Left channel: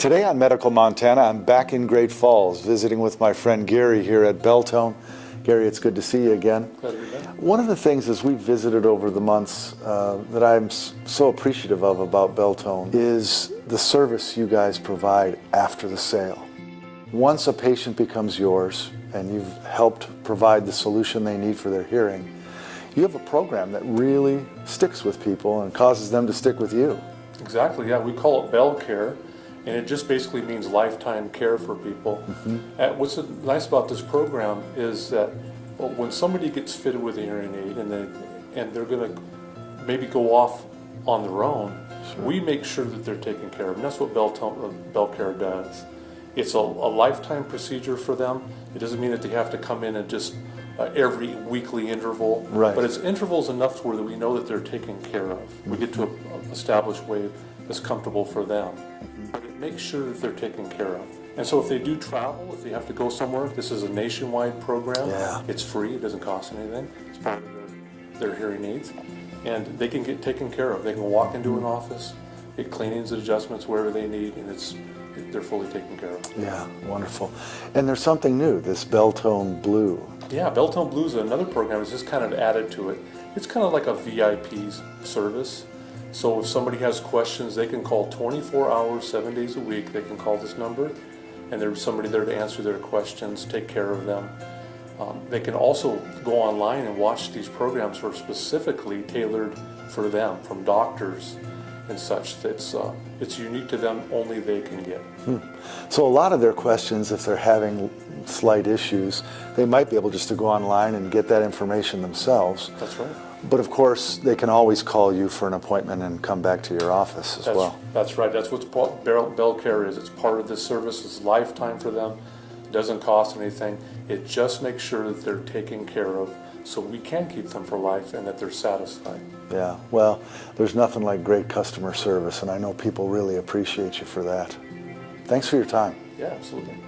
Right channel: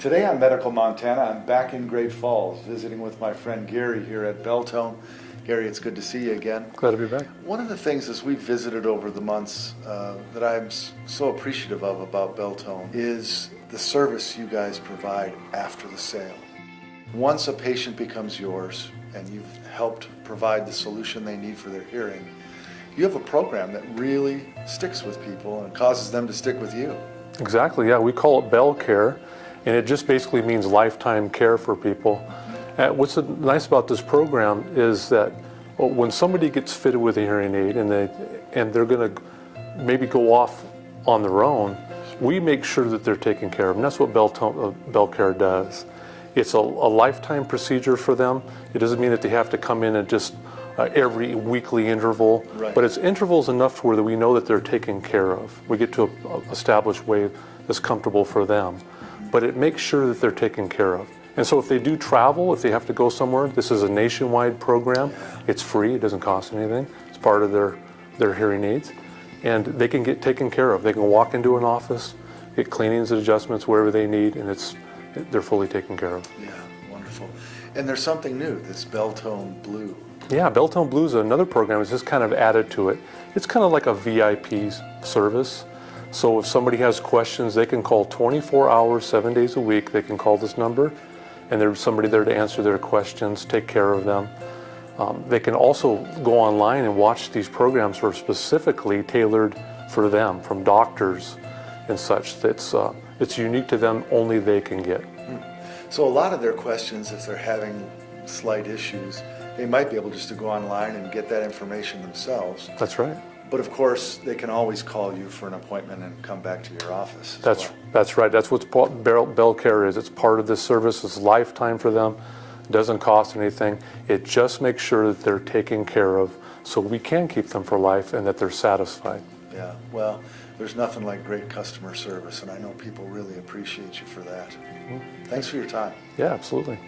Today on Medical Montana, I'm back in Great Falls visiting with my friend Gary here at Beltone. Gary, it's good to see you again. Glad to be back. One of the things as we've visited over the months that I'm so appreciative of about Beltone is the service you guys provide after the sale. Once a patient becomes yours and you've helped provide the solution they need for their hearing, you have a program that really sticks with people and causes them to stick with you. Exactly, yeah. We call it Bell Care, and it just basically means lifetime care for people. What's nice about this program is that when somebody gets fitted with a hearing aid and they're going to maybe go off on their own, we make sure that they're taken care of, and that's what Bell Care does. It's a lifetime procedure for them. It doesn't mean that they have to come in at just every weekly interval, right. But it's intervals enough to where we know that they're taken care of. We get to an established way that's comfortable for them. But it makes sure that they're taken care of. And so if they do travel, if they have to go somewhere, this is a nationwide program. Yeah. It's free, it doesn't cost anything. It's part of their hearing aids. And they can get taken care of. They can walk into an office, get cleanings and adjustments wherever they need, and they're fully taken care of. Yeah, wonderful. And there's something new, this Beltone Blue. Yeah, Beltone Blue is another program that's just kind of added to it. It's kind of like a VIP service. So if somebody has questions, they can call 24 hours, 7 days a week. They can call this number, and there's somebody there to answer their questions, take care of them. They can also go online and watch these programs that are specifically tailored for them, from doctors and such. It's unique to them, only they can get. So a lot of their questions, if they're having slight issues, they might be able just to go online and get that information themselves. That's right. But of course, they can always call you for an appointment and come back to your office as well. That's right. That's what Bell Care is. It's part of this service. It's lifetime for them. It doesn't cost anything. It just makes sure that they're taken care of so we can keep them for life and that they're satisfied. Yeah, well, there's nothing like great customer service, and I know people really appreciate you for that. Thanks for your time. Yeah, absolutely.